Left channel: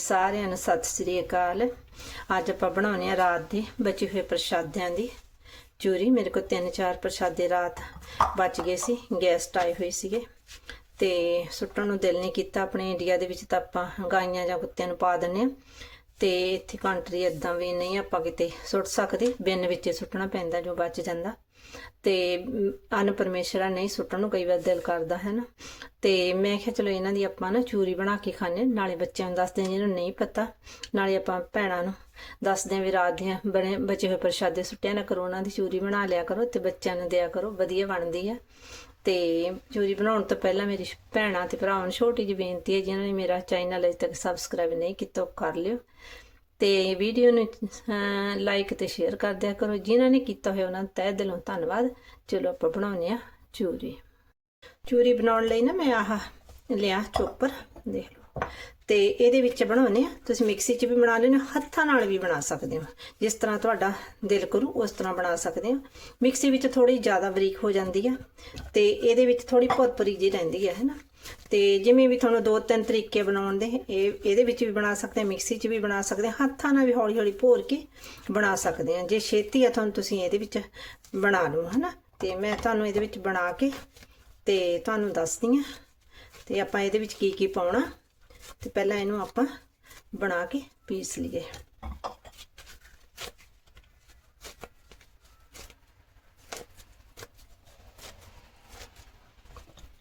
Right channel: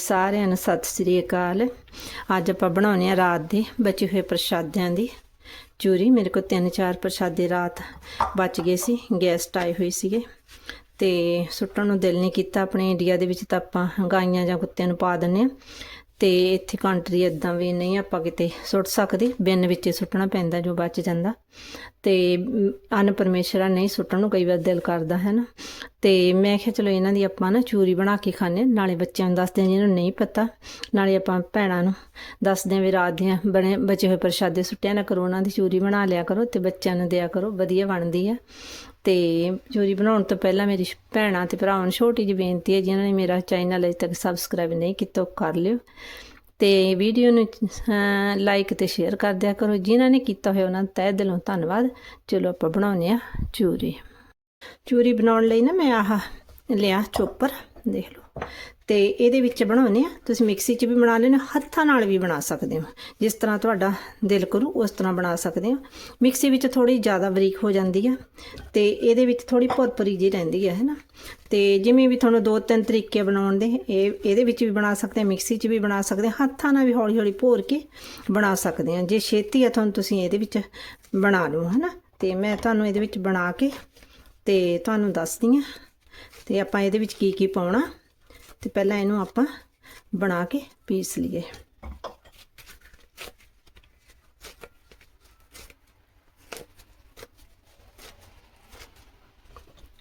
ਸਾਰਿਆਂ ਨੂੰ ਸਤਿ ਸ੍ਰੀ ਅਕਾਲ। ਅੱਜ ਆਪਾਂ ਬਣਾਉਣੇ ਆ ਰਾਤ ਦੇ ਬਚੇ ਹੋਏ ਪ੍ਰਸ਼ਾਦਿਆਂ ਦੀ ਚੂਰੀ। ਮੇਰੇ ਕੋਲ ਤਿੰਨ ਚਾਰ ਪ੍ਰਸ਼ਾਦੇ ਰਾਤ ਬਚ ਗਏ ਸੀ ਗੈਸਟ ਆਏ ਹੋਏ ਸੀਗੇ। ਤੇ ਸੁੱਟਣ ਨੂੰ ਦਿਲ ਨਹੀਂ ਕੀਤਾ। ਆਪਣੇ ਇੰਡੀਆ ਦੇ ਵਿੱਚ ਤਾਂ ਆਪਾਂ ਗਾਈਆਂ ਜਾਂ ਕੁੱਤਿਆਂ ਨੂੰ ਪਾ ਦਿੰਨੇ ਆ। ਤੇ ਇੱਥੇ ਕੰਟਰੀ ਇਦਾਂ ਵੀ ਨਹੀਂ ਆਪਾਂ ਕਿਤੇ ਸੁੱਟ ਸਕਦੇ, ਬਿਨ ਵਿੱਚ ਸੁੱਟਣਾ ਪੈਂਦਾ ਜੋ ਬਚ ਜਾਂਦਾ। ਤੇ ਅਨ ਪਰਮੇਸ਼ਰਾ ਨਹੀਂ ਸੁੱਟਣ ਨੂੰ ਕਈ ਵਾਰ ਦਿਲ ਕਰਦਾ ਹੈ ਨਾ ਤੇ ਮੈਂ ਕਿਹਾ ਚਲੋ ਇਹਨਾਂ ਦੀ ਆਪਾਂ ਨਾ ਚੂਰੀ ਬਣਾ ਕੇ ਖਾਣੇ ਨਾਲੇ ਬੱਚਿਆਂ ਨੂੰ ਦੱਸਦੇ ਜਿਹਨਾਂ ਨੂੰ ਨਹੀਂ ਪਤਾ। ਨਾਲੇ ਆਪਾਂ ਭੈਣਾਂ ਨੂੰ ਦੱਸਦੇ ਹਾਂ ਵੀ ਰਾਤ ਦੀਆਂ ਬਣੇ ਬਚੇ ਹੋਏ ਪ੍ਰਸ਼ਾਦੇ ਸੁੱਟਿਆ ਨਾ ਕਰੋ, ਉਹਨਾਂ ਦੀ ਚੂਰੀ ਬਣਾ ਲਿਆ ਕਰੋ ਤੇ ਬੱਚਿਆਂ ਨੂੰ ਦਿਆ ਕਰੋ, ਵਧੀਆ ਬਣਦੀ ਆ। ਤੇ ਚੂਰੀ ਬਣਾਉਣ ਤੋਂ ਪਹਿਲਾਂ ਮੇਰੀ ਭੈਣਾਂ ਤੇ ਭਰਾਵਾਂ ਨੂੰ ਛੋਟੀ ਜਿਹੀ ਬੇਨਤੀ ਹੈ, ਜਿਨ੍ਹਾਂ ਨੇ ਮੇਰਾ ਚੈਨਲ ਅਜੇ ਤੱਕ ਸਬਸਕ੍ਰਾਈਬ ਨਹੀਂ ਕੀਤਾ, ਉਹ ਕਰ ਲਿਓ। ਤੇ ਵੀਡੀਓ ਨੂੰ ਲਾਈਕ ਤੇ ਸ਼ੇਅਰ ਕਰ ਦਿਆ ਕਰੋ। ਜਿਨ੍ਹਾਂ ਨੇ ਕੀਤਾ ਹੋਇਆ, ਉਹਨਾਂ ਦਾ ਤਹਿ ਦਿਲੋਂ ਧੰਨਵਾਦ। ਚਲੋ, ਆਪਾਂ ਬਣਾਉਂਦੇ ਆ ਚੂਰੀ। ਚੂਰੀ ਬਣਾਉਣ ਲਈ ਨਾ ਮੈਂ ਆਹ ਲਿਆ ਚੋਪਰ, ਦੇਖ ਲਓ। ਤੇ ਇਹਦੇ ਵਿੱਚ ਬਣਾਉਣੇ ਆ ਤੁਸੀਂ ਮਿਕਸੀ 'ਚ ਵੀ ਬਣਾ ਲੈਣਾ ਹੱਥਾਂ ਨਾਲ ਵੀ ਬਣਾ ਸਕਦੇ ਹੋ। ਜਿਸ ਤਰ੍ਹਾਂ ਤੁਹਾਡਾ ਦਿਲ ਕਰੂ, ਉਸ ਤਰ੍ਹਾਂ ਬਣਾ ਸਕਦੇ ਹੋ। ਮਿਕਸੀ ਵਿੱਚ ਥੋੜੀ ਜ਼ਿਆਦਾ ਬਰੀਕ ਹੋ ਜਾਂਦੀ ਆ ਤੇ ਇਹਦੇ ਵਿੱਚ ਥੋੜੀ ਭੁਰਭੁਰੀ ਜਿਹੀ ਰਹਿੰਦੀ ਹੈ, ਹੈਨਾ। ਤੇ ਜਿਵੇਂ ਵੀ ਤੁਹਾਨੂੰ ਦੋ ਤਿੰਨ ਤਰੀਕੇ ਬਣਾਉਣ ਦੇ, ਇਹ, ਇਹਦੇ ਵਿੱਚ ਵੀ ਬਣਾ ਸਕਦੇ ਆ ਮਿਕਸੀ 'ਚ ਵੀ ਬਣਾ ਸਕਦੇ ਆ ਹੱਥਾਂ ਨਾਲ ਵੀ ਹੌਲੀ ਹੌਲੀ ਭੋਰ ਕੇ ਬਣਾ ਸਕਦੇ ਆ ਜੇ ਛੇਤੀ ਆ ਤੁਹਾਨੂੰ ਤੁਸੀਂ ਇਹਦੇ ਵਿੱਚ ਬਣਾ ਲਓ, ਹੈਨਾ। ਤੇ ਮੈਂ ਤੁਹਾਨੂੰ ਇਹਦੇ ਵਿੱਚ ਬਣਾ ਕੇ ਤੇ ਤੁਹਾਨੂੰ ਦੱਸਦੀ ਆ ਤੇ ਆਪਾਂ ਇਹਦੇ ਵਿੱਚ ਕੀ ਕੀ ਪਾਉਣਾ। ਤੇ ਪਹਿਲਾਂ ਇਹਨੂੰ ਆਪਾਂ ਬਣਾ ਕੇ ਪੀਸ ਲਈਏ।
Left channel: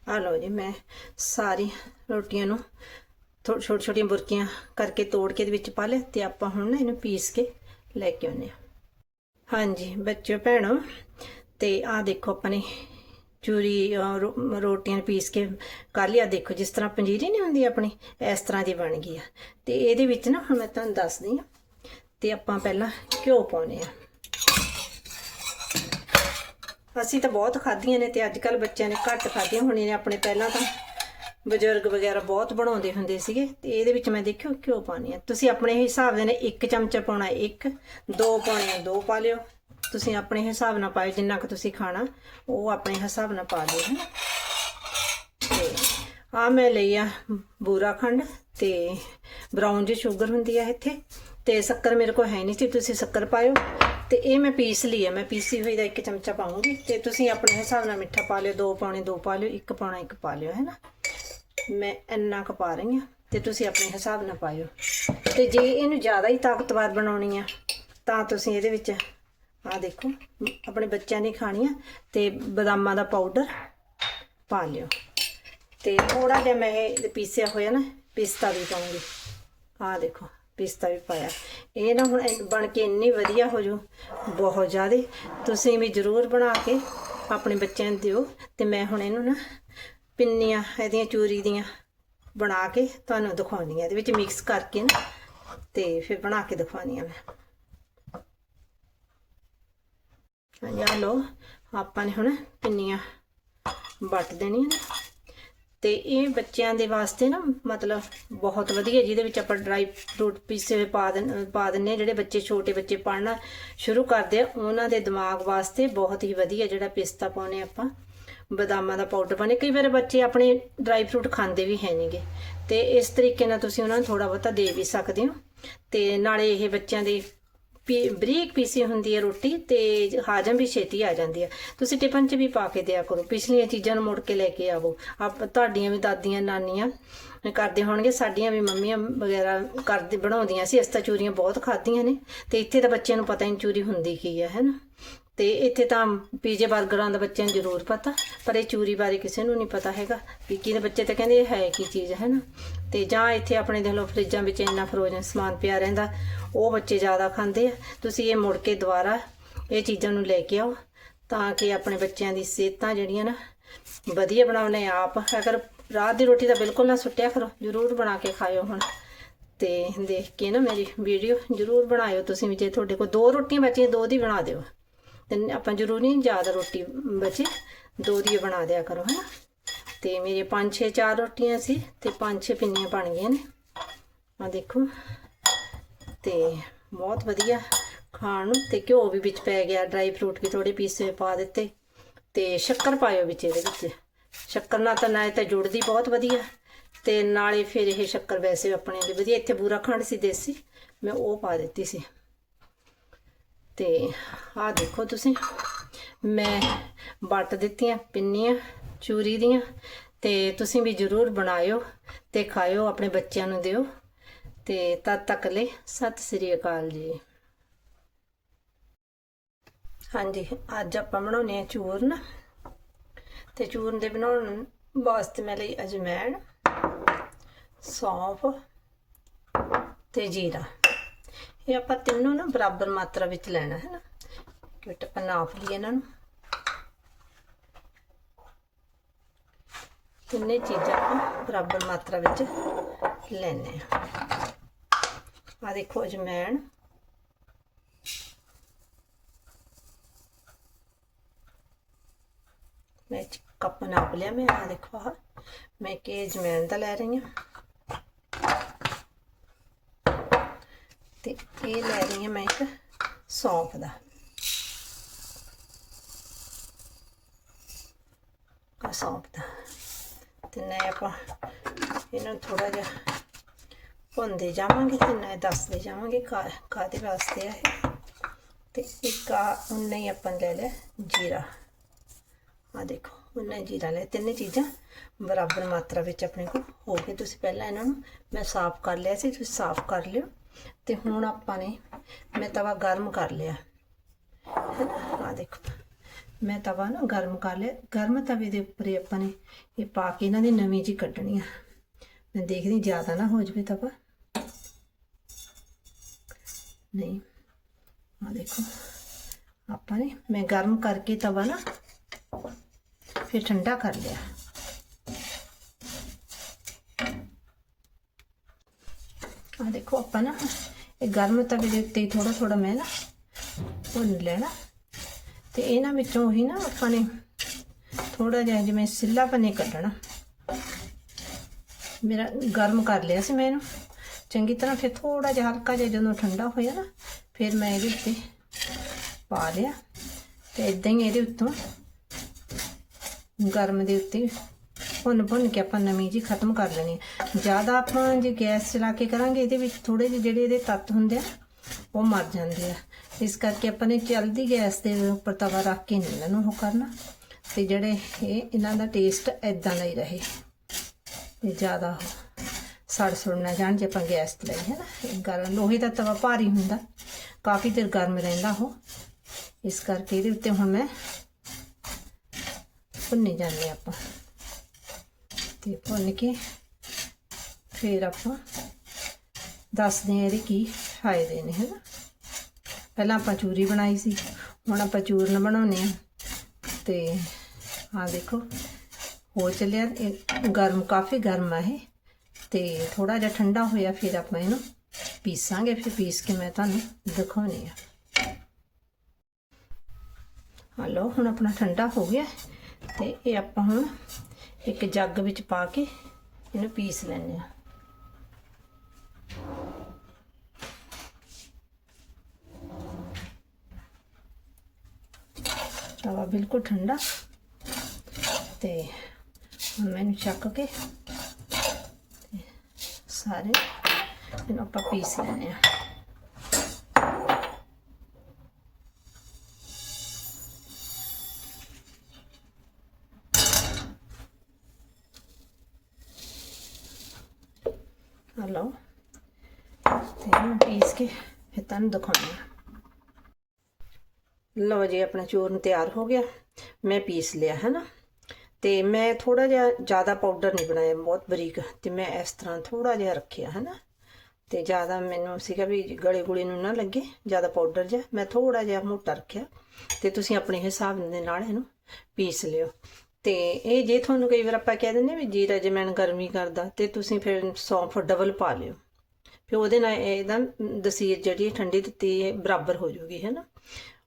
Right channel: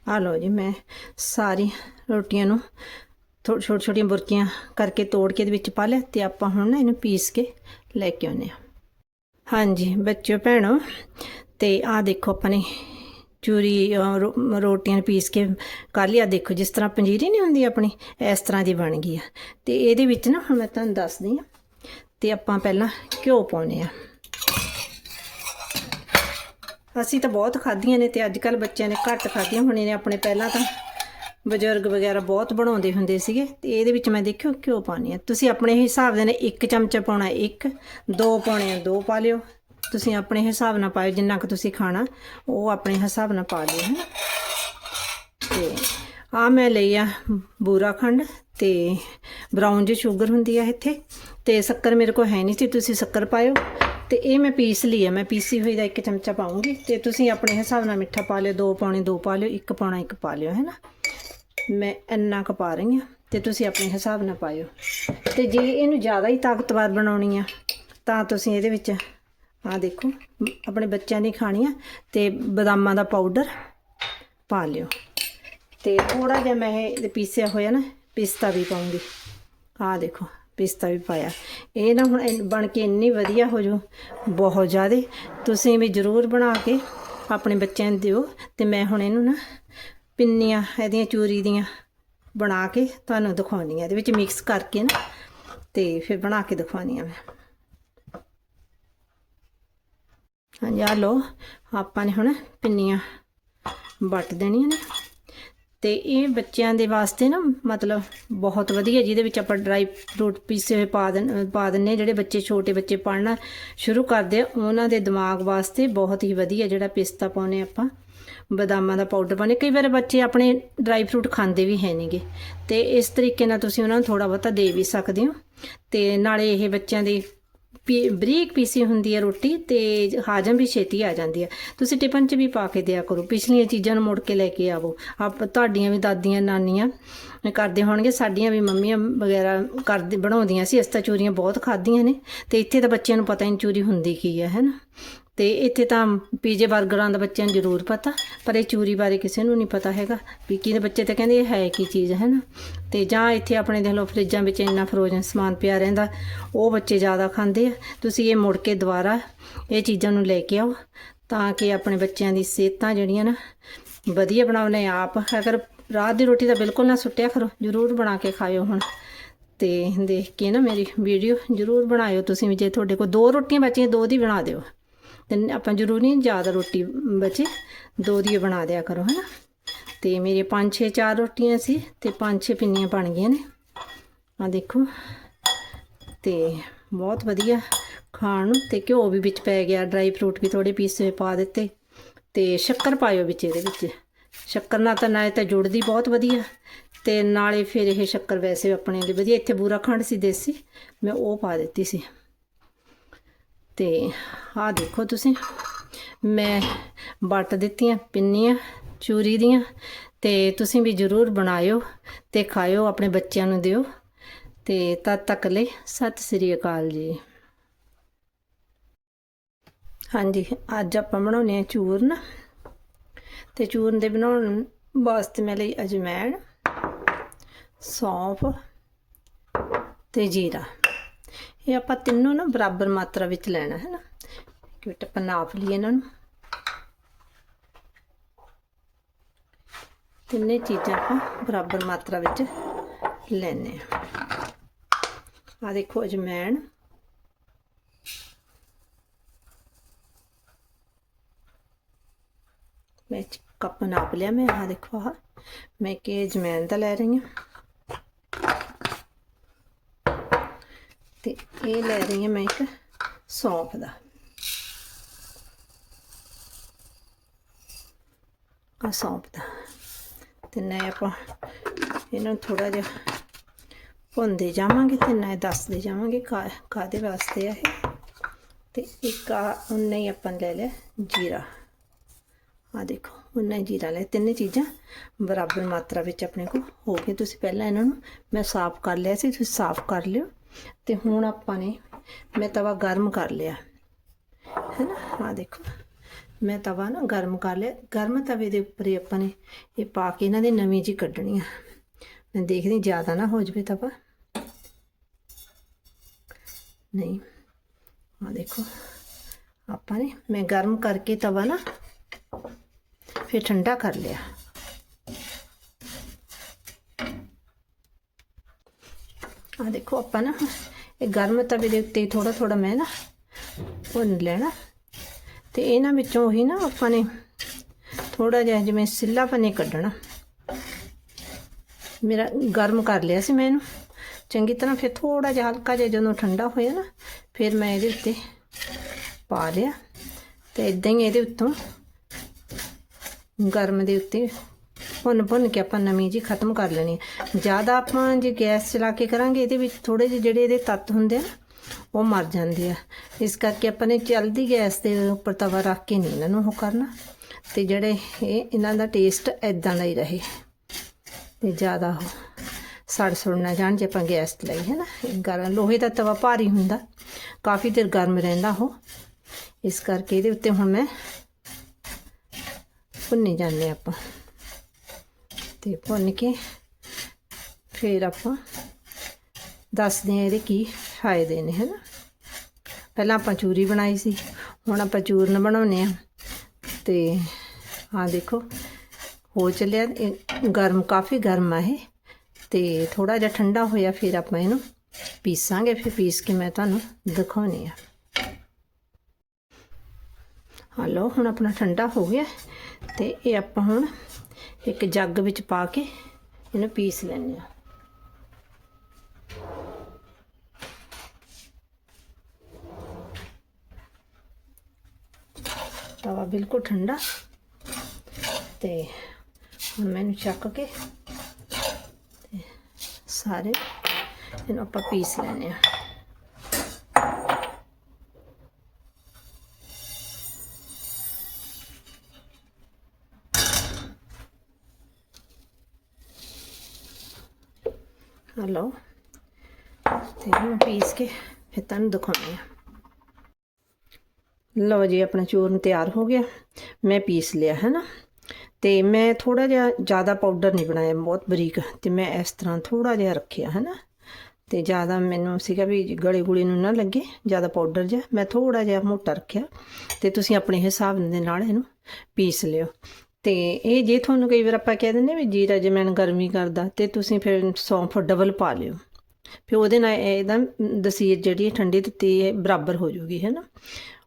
ਆ ਲਓ ਜੀ, ਮੈਂ ਸਾਰੀ ਰੋਟੀਆਂ ਨੂੰ ਛੋਟੀ ਛੋਟੀਆਂ ਬੁਰਕੀਆਂ ਕਰਕੇ ਤੋੜ ਕੇ ਇਹਦੇ ਵਿੱਚ ਪਾ ਲਿਆ ਤੇ ਆਪਾਂ ਹੁਣ ਨਾ ਇਹਨੂੰ ਪੀਸ ਕੇ ਲੈ ਕੇ ਆਉਨੇ ਆ ਹਾਂਜੀ, ਬੱਚਿਓ, ਭੈਣੋ, ਤੇ ਆਹ ਦੇਖੋ ਆਪਾਂ ਨੇ ਚੂਰੀ ਰੋ- ਰੋਟੀਆਂ ਪੀਸ ਕੇ ਕਰ ਲਿਆ। ਦੇਖੋ, ਜਿਸ ਤਰ੍ਹਾਂ ਪੰਜੀਰੀ ਨਹੀਂ ਹੁੰਦੀ ਆਪਣੀ, ਇਸ ਤਰ੍ਹਾਂ ਦੀ ਬਣ ਗਈ ਆ। ਤੇ ਇਹਦੇ ਵਿੱਚ ਨਾ, ਹੁਣ ਮੈਂ ਤੁਹਾਨੂੰ ਦੱਸਦੀ ਆ। ਤੇ ਆਪਾਂ ਪਹਿਲਾਂ ਘਿਓ ਪਾਉਨੇ ਆ। ਅਸੀਂ ਤਾਂ ਬਹੁਤ ਖਾਧੀਆਂ ਨੇ ਤੇ ਅੱਜ ਕੱਲ ਬੱਚਿਆਂ ਨੇ ਘੱਟ ਖਾਧੀਆਂ। ਹੋਣੀਆਂ ਨੇ ਆਪਣੇ ਪਹਿਲਾਂ ਤਾਂ ਬਜ਼ੁਰਗ ਵਗੈਰਾ ਬਹੁਤ ਬਣਾਉਂਦੇ ਹੁੰਦੇ ਸੀਗੇ। ਤੇ ਇਹਦੇ ਵਿੱਚ ਮੈਂ ਦੇਖਿਓ, ਘਿਓ ਪਾਉਣੀ ਆ। ਤੁਸੀਂ ਆਪਣੇ ਹਿਸਾਬ ਦੇ ਨਾਲ ਇੱਕ ਚਮਚਾ ਪਾਉਣਾ, ਇੱਕ, ਦੋ ਪਾਉਣੇ ਆ, ਦੋ ਪਾ ਲਿਓ। ਤੁਸੀਂ ਆਪਣੇ ਹਿਸਾਬ ਨਾਲ ਪਾਇਓ, ਜਿੰਨਾ ਕੁ ਤੁਸੀਂ ਖਾਣਾ, ਉਹ ਆਪਣੇ ਹਿਸਾਬ ਨਾਲ ਪਾ ਦਿਓ, ਹੈਂ। ਤੇ ਆ ਮੈਂ ਲਈ ਆ ਬੂਰਾ ਖੰਡ ਤੇ ਬਰਾਊਨ ਜੀ ਸ਼ੂਗਰ ਹੁੰਦੀ ਆ ਇੱਥੇ। ਤੇ ਸ਼ੱਕਰ ਮੇਰੇ ਕੋਲ ਹੈ ਨਹੀਂ ਸੀ, ਤੁਸੀਂ ਸ਼ੱਕਰ ਪਾਇਓ। ਤੇ ਇਹ ਮੈਂ ਪੀਸ ਲਈ ਆ, ਮੈਂ ਪੀਸੀ ਹੋਈ ਦਾ ਇੱਕ ਚਮਚਾ ਪਾਉਂਗੀ। ਤੇ ਤੁਸੀਂ ਆਪਣੇ ਹਿਸਾਬ ਨਾਲ ਮਿੱਠਾ ਪਾ ਲਿਓ, ਦੋ ਪਾਉਣੇ ਦੋ ਪਾ ਲਿਓ, ਇੱਕ ਪਾਉਣਾ ਇੱਕ ਪਾ ਲਿਓ, ਹੈਨਾ। ਮੈਂ ਇੰਨਾ ਕੁ ਪਾ ਰਹੀ ਆ ਤੇ ਤੁਸੀਂ ਆਪਣੇ ਹਿਸਾਬ ਨਾਲ ਪਾਇਓ। ਤੇ ਜੇ ਇਹਨੂੰ ਜ਼ਿਆਦਾ ਹੀ ਤਾਕਤਵਰ ਬਣਾਉਣੀ ਆ, ਤਾਂ ਤੁਸੀਂ ਇਹਦੇ ਵਿੱਚ ਆ ਦੇਖੋ, ਆਪਣੇ ਬੱਚਿਆਂ ਨੇ ਖਾਣੀ ਆ ਤੇ ਬਦਾਮਾਂ ਦਾ ਪਾਊਡਰ ਪਾ ਲਿਓ। ਤੇ ਥੋੜਾ ਜਿਹਾ ਮੈਂ ਇਹ ਪੀਸਿਆ ਹੋਇਆ ਨਾ, ਪਿਸਤਾ ਵੀ ਪਾਉਂਗੀ। ਆ ਦੇਖੋ, ਪਿਸਤਾ ਵੀ ਪਾਇਆ। ਇਹ ਨਾ ਹੁਣ ਬਣ ਕੇ ਇੰਨੀ ਵਧੀਆ ਹੋ ਜੂ ਬਹੁਤ ਜ਼ਿਆਦਾ। ਤੁਸੀਂ ਵੀ ਜ਼ਰੂਰ ਬਣਾ ਕੇ ਆਪਣੇ ਬੱਚਿਆਂ ਨੂੰ ਦਿਓ ਤੇ ਮੈਂ ਹੁਣ ਇਹਨੂੰ ਨਾ ਪਿੰਨੀਆਂ, ਇਹਦੀਆਂ ਚੂਰੀ ਦੀਆਂ ਬਣਾ ਕੇ ਤੁਹਾਨੂੰ ਦਿਖਾਉਂਦੀ ਆ ਇਹਦੇ ਵਿੱਚ ਮਿਕਸ ਕਰਕੇ ਨਾ ਤੇ ਫਿਰ ਬਣਾ ਕੇ ਦਿਖਾਉਂਦੀ ਆ ਮੈਂ। ਹਾਂਜੀ ਆ ਲੋ ਆਪਾਂ ਨੇ ਹੁਣ ਪਿੰਨੀਆਂ ਵੱਟ ਦੇਣੀਆਂ ਨੇ। ਤੇ ਇਹ ਬੱਚਿਆਂ ਦੇ ਵਾਸਤੇ ਨਾ ਮਤਲਬ ਬਹੁਤ ਵਧੀਆ ਜਿਹਦੇ ਵਿੱਚ ਆਪਾਂ ਡਰਾਈ ਫਰੂਟ ਪੀਸੇ ਹੋਏ ਪਾ ਦਿੰਦੇ ਪਾ ਦਿੰਨੇ ਜਿਹੜੇ ਬੱਚੇ ਛੋਟੇ ਬੱਚੇ ਪੜ੍ਹਨਾ ਸ਼ੁਰੂ ਕਰਦੇ ਆ, ਉਹਨਾਂ ਦੇ ਦਿਮਾਗ ਵਾਸਤੇ ਬਹੁਤ ਹੀ ਵਧੀਆ ਜਿਹੜਾ ਪਿਸਤਾ ਪਾਉਨੇ ਆਪਾਂ। ਬਦਾਮਾਂ ਦਾ ਪਾਊਡਰ ਪਾਉਨੇ ਕਈ ਵਾਰ ਬੱਚੇ ਆਪਣੇ ਡਰਾਈ ਫਰੂਟ ਖਾਂਦੇ ਵੀ ਹੈ ਨਹੀਂਗੇ। ਤੇ ਇਸ ਤਰੀਕੇ ਨਾਲ ਤੁਸੀਂ ਉਹਨਾਂ ਨੂੰ ਥੋੜਾ ਬਹੁਤਾ ਦੇ ਵੀ ਸਕਦੇ ਹੋ। ਤੇ ਨਾਲੇ ਇਹ ਬੱਚਿਆਂ ਦੇ ਬਰੀਕ ਪੀਸੀ ਹੁੰਦੀ ਹੈ ਰੋਟੀ ਤੇ ਹਾਜਮ ਵੀ ਛੇਤੀ ਆ ਜਾਂਦੀ ਹੈ। ਤੁਸੀਂ ਟਿਫਨ 'ਚ ਵੀ ਪਾ ਕੇ ਦਿਆ ਕਰੋ। ਪਿਛਲੀਆਂ ਚੀਜ਼ਾਂ ਨੂੰ ਮੁੜ ਕੇ ਲੈ ਕੇ ਆਵੋ। ਆਪ ਤੁਹਾਡੀਆਂ ਵੀ ਦਾਦੀਆਂ ਨਾਨੀਆਂ ਕਰਦੇ ਹੋਣਗੇ, ਸਾਡੀਆਂ ਵੀ ਮੰਮੀਆਂ ਵਗੈਰਾ ਕਰਦੇ ਬਣਾਉਂਦੀਆਂ ਸੀ। ਇਸ ਤਾਂ ਚੂਰੀਆਂ ਬਹੁਤ ਖਾਧੀਆਂ ਨੇ ਤੇ ਇੱਥੇ ਤਾਂ ਬੱਚਿਆਂ ਨੂੰ ਪਤਾ ਹੀ ਨਹੀਂ ਚੂਰੀ ਹੁੰਦੀ ਕੀ ਹੈ ਹੈਨਾ ਤੇ ਇੱਥੇ ਤਾਂ ਪੀਜੇ 버ਗਰਾਂ ਦਾ ਬੱਚਿਆਂ ਨੂੰ ਜ਼ਰੂਰ ਪਤਾ, ਪਰ ਇਹ ਚੂਰੀ ਬਾਰੇ ਕਿਸੇ ਨੂੰ ਨਹੀਂ ਪਤਾ ਹੈਗਾ। ਵੀ ਕਿਹਦੇ ਬੱਚੇ ਤਾਂ ਕਹਿੰਦੇ ਇਹ ਹੈ ਕੀ ਚੀਜ਼, ਹੈ ਨਾ? ਤੇ ਜਾਂ ਇੱਥੇ ਆਪਣੇ ਦੇਖ ਲਓ ਫਰਿੱਜਾਂ ਵਿੱਚ ਇੰਨਾ ਫਰੋਜ਼ਨ ਸਮਾਨ ਪਿਆ ਰਹਿੰਦਾ, ਉਹ ਬੱਚੇ ਜ਼ਿਆਦਾ ਖਾਂਦੇ ਆ। ਤੁਸੀਂ ਇਹ ਮੁੜ ਕੇ ਦੁਬਾਰਾ ਇਹ ਚੀਜ਼ਾਂ ਨੂੰ ਲੈ ਕੇ ਆਓ ਤਾਂ ਕਿ ਆਪਣੇ ਬੱਚਿਆਂ ਦੀ ਸਿਹਤਾਂ ਜਿਹੜੀਆਂ ਨਾ ਵਧੀਆ ਬਣਾਉਣੇ ਆਪ। ਅਗਰ ਰਾਤ ਦੀ ਰੋਟੀ ਤਾਂ ਬਿਲਕੁਲ ਨਾ ਸੁੱਟਿਆ ਕਰੋ, ਜ਼ਰੂਰ ਬਣਾ ਕੇ ਖਾਇਓ ਹੁਣ। ਤੇ ਦੇਖ ਕੇ ਨਾ ਮੇਰੀ ਵੀਡੀਓ ਜ਼ਰੂਰ ਬਣਾਇਓ ਤੁਸੀਂ ਵੀ, ਜੇ ਤੁਹਾਡੇ ਕੋਲ ਦੋ ਰੋਟੀਆਂ ਬਚੀਆਂ, ਦੋ ਦੀ ਬਣਾ ਦਿਓ। ਤੇ ਆਪਾਂ ਜ਼ਰੂਰੀ ਨਹੀਂ ਜ਼ਿਆਦਾ ਰੋਟੀ ਬਚੇ, ਦੋ ਦੀ ਬਣਾ ਦਿਆ ਕਰੋ, ਹਨਾ? ਤੇ ਮੇਰੇ 5-6 ਚਾਰ ਰੋਟੀਆਂ ਸੀ ਤੇ 5-6 ਪਿੰਨੀਆਂ ਬਣ ਗਈਆਂ ਨੇ। ਆ ਦੇਖੋ। ਤੇ ਬਹੁਤ ਵਧੀਆ ਖਾਣ ਨੂੰ। ਤੇ ਘਿਓ ਵੀ ਵਿੱਚ ਪੈ ਗਿਆ। ਡਰਾਈ ਫਰੂਟ ਵੀ ਥੋੜੇ ਪੀਸੇ ਪਾ ਦਿੱਤੇ। ਤੇ ਸ਼ੱਕਰ ਪਾਇਓ ਵਿੱਚ ਇਹਦੇ ਵਿੱਚ। ਸ਼ੱਕਰ ਨਾਲ ਤਾਂ ਨਾਲੇ ਤਾਂ ਜੁੜਦੀ ਬਹੁਤ ਵਧੀਆ। ਤੇ ਨਾਲੇ ਫਿਰ ਇਹ ਸ਼ੱਕਰ ਵੈਸੇ ਆਪਣੇ ਲਈ ਵਧੀਆ। ਇੱਥੇ ਬੂਰਾ ਖੰਡ ਸੀ ਦੇਸੀ। ਮੈਂ ਉਹ ਪਾ ਦਿੱਤੀ ਸੀ। ਤੇ ਆਹ ਦੇਖੋ ਤੁਸੀਂ। ਮੈਂ ਵੱਟ ਦਿੱਤੀਆਂ ਪਿੰਨੀਆਂ। ਚੂਰੀ ਦੀਆਂ ਤੇ ਤੁਸੀਂ ਵੀ ਜਰੂਰ ਬਣਾਇਓ ਤੇ ਖਾਇਓ, ਆਪਣੇ ਬੱਚਿਆਂ ਨੂੰ ਦਿਓ। ਤੇ ਤਦ ਤੱਕ ਲਈ ਸਤਿ ਸ੍ਰੀ ਅਕਾਲ ਜੀ। ਹਾਂਜੀ, ਅੱਜ ਆਪਾਂ ਬਣਾਉਣੇ ਆ ਚੂਰਨ। ਤੇ ਚੂਰਨ ਦੇ ਬਣਾਉਣ ਵਾਸਤੇ ਮੈਂ ਲਈ ਅਜਮੈਣ, ਸੌਂਫ ਤੇ ਜੀਰਾ। ਇਹ ਆਪਾਂ ਤਿੰਨੋਂ ਨਾ ਬਰਾਬਰ ਮਾਤਰਾ ਵਿੱਚ ਲੈਣਾ ਹੈ ਨਾ। ਕਿਟ ਆਪਾਂ ਨਾਪ ਲਈਏ ਇਹਨਾਂ ਨੂੰ। ਤਿੰਨੇ ਚੀਜ਼ਾਂ ਆਪਾਂ ਬਰਾਬਰ ਮਾਤਰਾ ਵਿੱਚ ਲੈਣੇ ਆ ਆ ਦੇਖੋ ਅਜਮੈਣ। ਮੈਂ ਕੱਪ ਨਾਪ ਲਿਆ ਮੈਂ ਆ ਦੇਖੋ ਆ ਮੈਂ ਕਿ ਅਜਮੈਣ ਦਾ ਲੈ ਰਹੀ ਹਾਂ। ਤੇ ਇਹ ਲੈ ਰਹੀ ਹਾਂ ਮੈਂ ਇੱਕ ਸੌਂਫ ਦਾ। ਆ ਸੌਂਫ ਦਾ। ਤੇ ਨਾ ਆਪਾਂ। ਇਹਨਾਂ ਨੂੰ ਥੋੜਾ ਜਿਹਾ ਭੁੰਦੇ ਜਾਵਾਂਗੇ ਤੇ ਨਾ ਦੱਸਦੇ ਜਾਵਾਂਗੇ ਕਾ ਕਾਦੇ ਵਾਸਤੇ ਆ ਇਹ। ਤੇ ਇੱਕ ਆ, ਉਨਾ ਹੀ ਆਪਾਂ ਲੈ ਲਿਆ ਜੀਰਾ। ਆ ਦੇਖੋ, ਉਨਾ ਹੀ ਜੀਰਾ ਲੈ ਤਿੰਨੇ ਚੀਜ਼ਾਂ ਬਰਾਬਰ ਮਾਤਰਾ ਵਿੱਚ ਆਪਣੇ ਕੋਲ ਹੋ ਗਏ ਤੁਸੀਂ ਪਹਿਲਾਂ ਇਹਨਾਂ ਨੂੰ ਮੈਂ ਸਾਫ਼ ਕਰ ਲਿਆ ਸੀ, ਤੁਸੀਂ ਸਾਫ਼ ਕਰ ਲਿਓ। ਤੇ ਹੁਣ ਆਪਾਂ ਨੇ ਮੈਂ ਤਵਾ ਗਰਮ ਕਰ ਲਿਆ। ਹੈ ਨਾ ਆ ਦੇਖੋ। ਮੈਂ ਤਵਾ ਨਾ ਗਰਮ ਕਰ ਲਿਆ। ਗਰਮ ਤਵੇ ਦੇ ਉੱਪਰ ਹੀ ਆਪਾਂ ਨੇ ਇਹ ਪਾ ਕੇ ਇਹਨਾਂ ਦੀ ਨਵੀਂ ਜੀ ਕੱਢਣੀ ਆ। ਮੈਂ ਦੇਖਦੀ ਜ਼ਿਆਦਾ ਨਾ ਹੋ ਜਵੇ ਤਵਾ। ਨਹੀਂ ਆ ਦੇਖੋ, ਆਪਾਂ ਨੇ ਮੈਂ ਗਰਮ ਕਰਕੇ ਤਵਾ ਨਾ ਫਿਰ ਠੰਡਾ ਕਰ ਲਿਆ। ਆ ਦੇਖੋ, ਆਪਾਂ ਨਾ ਇਹ ਗਰਮ ਤਵੇ ਦੇ ਉੱਤੇ ਥੋੜਾ ਥੋੜਾ ਮੈਂ ਨਾ ਭੁੰਨ ਲੈਣਾ ਤੇ ਇਹਨਾਂ ਵਿੱਚੋਂ ਹੀ ਨਾ ਆਪਾਂ ਨੇ ਥੋੜਾ ਜਿਹਾ ਜਿਵੇਂ ਸਿੱਲਾ ਪਨੇ ਕੱਢਣਾ। ਮੇਰਾ ਗਰਮ ਕਰ ਲਿਆ ਸੀ ਮੈਂ ਇਹਨੂੰ। ਚੰਗੀ ਤਰ੍ਹਾਂ ਫਿਰ ਥੋੜਾ ਜਿਹਾ ਹਲਕਾ ਜਿਹਾ ਜਦੋਂ ਠੰਡਾ ਹੋਇਆ ਨਾ, ਫਿਰ ਮੈਂ ਇਹਦੇ ਉੱਤੇ ਪਾ ਲਿਆ। ਤੇ ਇਦਾਂ ਹੀ ਇਹਦੇ ਉੱਤੋਂ ਗਰਮ ਦੇ ਉੱਤੇ ਭੁੰਨ ਭੁੰਨ ਕੇ ਆਪਾਂ ਨਵੀਂ ਜੀ ਖਤਮ ਕਰ ਲੈਣੀ ਜ਼ਿਆਦਾ ਆਪਾਂ ਜੇ ਗੈਸ ਚਲਾ ਕੇ ਕਰਾਂਗੇ, ਇਹਦੇ ਵਿੱਚ ਥੋੜੇ ਜਿਹੇ ਜਿਹੜੇ ਇਹਦੇ ਤੱਤ ਹੁੰਦੇ ਆ ਉਹ ਮਰ ਜਾਂਦੇ ਆ। ਇਸ ਕਰਕੇ ਆਪਾਂ ਨੇ ਚਲਦੀ ਗੈਸ ਦੇ ਉੱਪਰ ਤਵਾ ਰੱਖ ਕੇ ਨਹੀਂ ਇਹਨਾਂ ਨੂੰ ਉਹ ਕਰਨਾ। ਤੇ ਜਿਹੜੇ ਇਹ ਇਹਨਾਂ ਦਾ ਟੇਸਟ ਐਦਾਂ ਦਾ ਹੀ ਰਹੇ। ਤੇ ਜ਼ਿਆਦਾ ਸੜ ਸੁੜ ਨਾ ਜਾਣ ਜੇ ਆਪਾਂ ਗੈਸ ਤੇ ਲਈ ਹੈ ਨਾ ਗਰਮ, ਲੋਹੇ ਦਾ ਤਵਾ ਭਾਰੀ ਹੁੰਦਾ। ਕਾਫੀ ਦੇਰ ਗਰਮ ਰਹਿੰਦਾ ਉਹ। ਇਸ ਕਰਕੇ ਇਹਦੇ ਉੱਤੇ ਹੁਣ ਮੈਂ ਭੁੰਨੇ ਜਾਂਦੇ ਆਪਾਂ। ਤੇ ਭੁੰਨ ਕੇ ਫਿਰ ਆਪਾਂ ਦੱਸਦੇ ਆ ਇਹਦੇ ਕੀ ਫਾਇਦੇ ਨੇ, ਹਨ? ਪਹਿਲਾਂ ਆਪਾਂ ਚੂਰੀ ਬਣਾਈ ਸੀ, ਹੁਣ ਆਪਾਂ ਚੂਰਨ ਬਣਾਉਨੇ ਆ ਤੇ ਆ ਦੇਖੋ, ਹੋ ਚੱਲਿਆ, ਇਹ ਗਰਮ, ਕਾਫੀ ਗਰਮ ਆ ਇਹ। ਤੇ ਥੋੜਾ ਜਿਹਾ ਠੰਡਾ ਹੋਇਆ, ਫਿਰ ਆਪਾਂ ਇਹਨੂੰ ਪੀਸਾਂਗੇ, ਫਿਰ ਪੀਸ ਕੇ ਮੈਂ ਤੁਹਾਨੂੰ ਦਿਖਾਉਣੀ ਆ ਹਲੋ ਹੁਣ ਆਪਣਾ ਠੰਡਾ ਹੋ ਗਿਆ। ਤੇ ਇਹ ਆਪਾਂ ਹੁਣ ਇੱਕ ਜੱਗ ਵਿੱਚ ਪਾ ਕੇ ਇਹਨੂੰ ਪੀਸ ਲੈਣੇ ਆ ਤਵਾ ਬਿਲਕੁਲ ਠੰਡਾ ਤੇ ਹੁਣ ਮੈਨੂੰ ਚੱਕ ਕੇ ਸਾਰੇ ਇਹਨੂੰ ਆਪਾਂ ਪੀਸ ਲੈਣੇ ਆ ਹਲੋ ਤੇ ਹੁਣ ਪੀਸ ਕੇ ਫਿਰ ਤੁਹਾਨੂੰ ਦਿਖਾਉਂਦੀ ਆ ਲਓ ਜੀ, ਆਪਣਾ ਚੂਰਨ ਤਿਆਰ ਹੋ ਗਿਆ। ਮੈਂ ਪੀਸ ਲਿਆ ਹੈ ਨਾ ਤੇ ਮੈਂ ਥੋੜਾ ਜਿਹਾ ਜ਼ਿਆਦਾ ਪਾਊਡਰ ਨਹੀਂ ਬਣਾਇਆ, ਬਹੁਤ ਬਰੀਕ। ਤੇ ਮੈਂ ਇਸ ਤਰ੍ਹਾਂ ਥੋੜਾ ਜਿਹਾ ਰੱਖਿਆ ਹੈ ਨਾ ਤੇ ਜ਼ਿਆਦਾ ਮੈਨੂੰ ਸੀਗਾ ਵੀ ਗਲੇ ਗੁਲੇ ਨੂੰ ਨਾ ਲੱਗੇ, ਜ਼ਿਆਦਾ ਪਾਊਡਰ ਜਿਹਾ। ਮੈਂ ਥੋੜਾ ਜਿਹਾ ਮੋਟਾ ਰੱਖਿਆ। ਤੇ ਤੁਸੀਂ ਆਪਣੇ ਹਿਸਾਬ ਦੇ ਨਾਲ ਇਹਨੂੰ ਪੀਸ ਲਿਓ। ਤੇ ਇਹ ਜੇ ਤੁਹਾਨੂੰ ਕਈ ਵਾਰ ਆਪਾਂ ਕਹਿ ਦਿੰਦੇ ਵੀ ਜੀਰਾ ਜਮੈਨ ਗਰਮੀ ਕਰਦਾ, ਤੇ ਤੁਸੀਂ ਫਿਰ ਸੌਂਫ ਡਬਲ ਪਾ ਲਿਓ। ਫਿਰ ਉਹਦੇ ਨਾਲ ਇਹਦਾ ਦਸੀਰ ਜਿਹੜੀ ਠੰਡੀ ਦਿੱਤੀ ਬਰਾਬਰ ਹੋ ਜੂਗੀ, ਹੈ ਨਾ?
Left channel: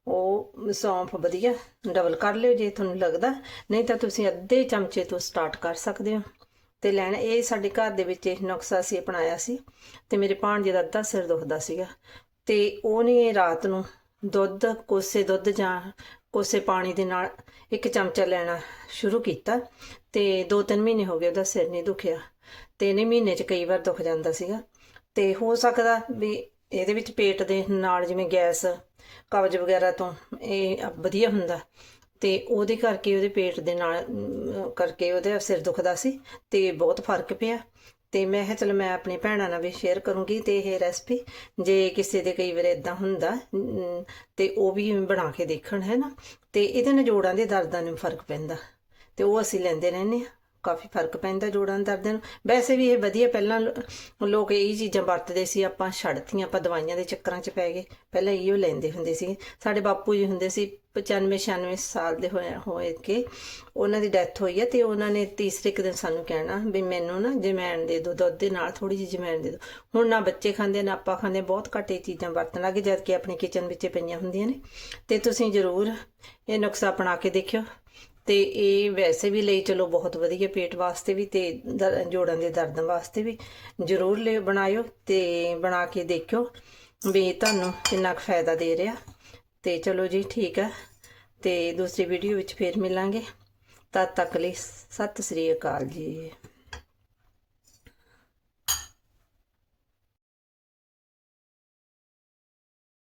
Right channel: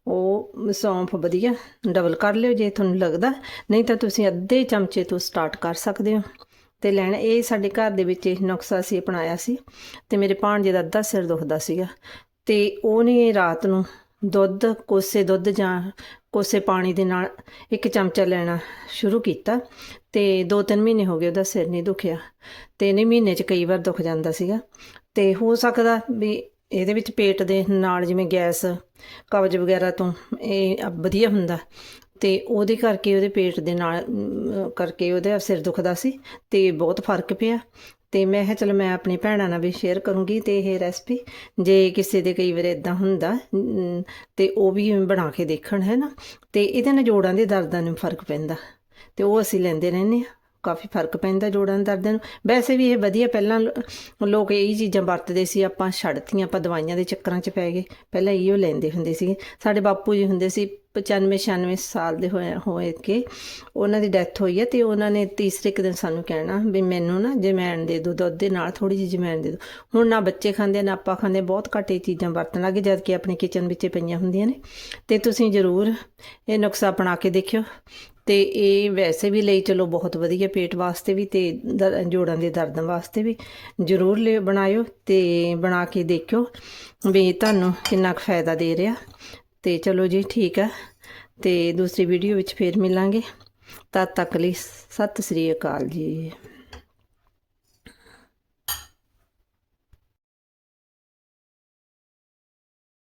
ਉਹ ਸੌਂਫ ਵਧੀਆ ਡਬਲ ਕਰ ਲਿਓ ਜੇ ਤੁਹਾਨੂੰ ਲੱਗਦਾ। ਨਹੀਂ ਤਾਂ ਤੁਸੀਂ ਅੱਧੇ ਚਮਚੇ ਤੋਂ ਸਟਾਰਟ ਕਰ ਸਕਦੇ ਹੋ। ਤੇ ਲੈਣਾ, ਇਹ ਸਾਡੇ ਘਰ ਦੇ ਵਿੱਚ ਇਹ ਨੁਕਸਾ ਸੀ ਅਪਣਾਇਆ ਸੀ ਤੇ ਮੇਰੇ ਭਾਣਜੇ ਦਾ ਅੱਧਾ ਸਿਰ ਦੁਖਦਾ ਸੀਗਾ। ਤੇ ਉਹਨੇ ਰਾਤ ਨੂੰ ਦੁੱਧ, ਕੋਸੇ ਦੁੱਧ ਜਾਂ ਕੋਸੇ ਪਾਣੀ ਦੇ ਨਾਲ ਇੱਕ ਚਮਚਾ ਲੈਣਾ ਸ਼ੁਰੂ ਕੀਤਾ ਤੇ 2-3 ਮਹੀਨੇ ਹੋ ਗਏ ਉਹਦਾ ਸਿਰ ਨਹੀਂ ਦੁਖਿਆ। ਤੇ ਨਹੀਂ, ਮਹੀਨੇ 'ਚ ਕਈ ਵਾਰ ਦੁਖ ਜਾਂਦਾ ਸੀਗਾ। ਤੇ ਹੋ ਸਕਦਾ ਵੀ ਇਹਦੇ ਵਿੱਚ ਪੇਟ ਦੇ ਨਾਲ ਜਿਵੇਂ ਗੈਸ ਕਬਜ਼ ਵਗੈਰਾ ਤੋਂ ਇਹ ਵਧੀਆ ਹੁੰਦਾ। ਤੇ ਉਹਦੇ ਕਰਕੇ ਉਹਦੇ ਪੇਟ ਦੇ ਨਾਲ ਕਰਕੇ ਉਹਦੇ ਸਿਰ ਦੁਖਦਾ ਸੀ ਤੇ ਬਹੁਤ ਫ਼ਰਕ ਪਿਆ। ਤੇ ਮੈਂ ਕਿਹਾ ਚਲ ਮੈਂ ਆਪਣੀ ਭੈਣਾਂ ਨਾਲ ਵੀ ਸ਼ੇਅਰ ਕਰੂੰਗੀ ਤੇ ਇਹ ਰੈਸਪੀ ਜੇ ਕਿਸੇ ਦੇ ਕਈ ਵਾਰ ਇਦਾਂ ਹੁੰਦਾ ਅਮ, ਤੇ ਉਹ ਵੀ ਬਣਾ ਕੇ ਦੇਖਣ ਹੈ ਨਾ? ਤੇ ਇਹਦੇ ਨਾਲ ਜੋੜਾਂ ਦੇ ਦਰਦਾਂ ਨੂੰ ਫ਼ਰਕ ਪੈਂਦਾ। ਤੇ ਉਹ ਅਸੀਂ ਲੈਂਦੇ ਰਹਿੰਦੇ ਆ ਕਾਫੀ ਫ਼ਰਕ ਪੈਂਦਾ ਜੋੜਾਂ ਦੇ ਦਰਦਾਂ ਨੂੰ। ਵੈਸੇ ਵੀ ਇਹ ਵਧੀਆ, ਪਹਿਲਾਂ ਲੋਕ ਇਹ ਚੀਜ਼ਾਂ ਵਰਤਦੇ ਸੀ, ਆਪਾਂ ਛੱਡਤੀਆਂ, ਆਪਾਂ ਦਵਾਈਆਂ ਦੇ ਚੱਕਰਾਂ 'ਚ ਪੈ ਗਏ। ਪਹਿਲਾਂ ਇਹੋ ਲੈਂਦੇ ਹੁੰਦੇ ਸੀ। ਸਾਡੇ ਬਾਪੂ ਜੀ ਹੁੰਦੇ ਸੀ 95 96 ਸਾਲ ਦੇ ਹੋਏ ਹੋਏ ਕੇ। ਉਹਨਾਂ ਦੀ ਡੈਥ ਹੋਈ ਹੈ ਤੇ ਉਹਨਾਂ ਨੇ ਤੀਸਰੇ ਕੁ ਦਿਨ ਸਾਨੂੰ ਕਹਿਣਾ ਵੀ ਮੈਨੂੰ ਨਾ ਜਮੈਣ ਦੇ ਦਿਓ ਦੁੱਧ ਦੇ ਨਾਲ ਥੋੜੀ ਜਿਹੀ ਜਮੈਣ ਦੇ ਦਿਓ ਹੁਣ ਨਾ ਬੱਚੇ ਖਾਂਦੇ, ਨਾ ਆਪਾਂ ਖਾਂਦੇ, ਬਹੁਤ ਘੱਟ ਇਹ ਚੀਜ਼ਾਂ ਵਰਤਣ ਲੱਗੇ ਜਦ ਕਿ ਆਪਣੇ ਕਿਚਨ ਵਿੱਚ ਪਈਆਂ ਹੁੰਦੀਆਂ ਨੇ। ਤੇ ਤੁਸੀਂ ਜ਼ਰੂਰ ਇਹ ਨੁਕਸਾ ਅਪਣਾ ਕੇ ਦੇਖਿਓ। ਤੇ ਇਹ ਵੈਸੇ ਵੀ ਲਈ ਚਲੋ ਬਹੁਤ ਵਧੀਆ ਪੇਟ ਵਾਸਤੇ ਵੀ ਤੇ ਦਰ- ਜੋੜਾਂ ਦੇ ਦਰਦ ਵਾਸਤੇ ਵੀ ਜ਼ਰੂਰ ਲੈ, ਬਣਾਇਓ ਤੇ ਬਣਾ ਕੇ ਦੇਖਿਓ ਵੀ ਤੁਹਾਨੂੰ ਕਿੰਨਾ ਕੁ ਫਾਇਦਾ ਦੇ ਰਿਹਾ। ਤੇ ਚਲੋ ਜੀ ਠੀਕ ਆ ਤੇ ਦੂਸਰੀ ਵੀਡੀਓ ਵਿੱਚ ਫੇਰ ਮਿਲਾਂਗੇ। ਤਦ ਤੱਕ ਲਈ ਸਤਿ ਸ੍ਰੀ ਅਕਾਲ ਜੀ।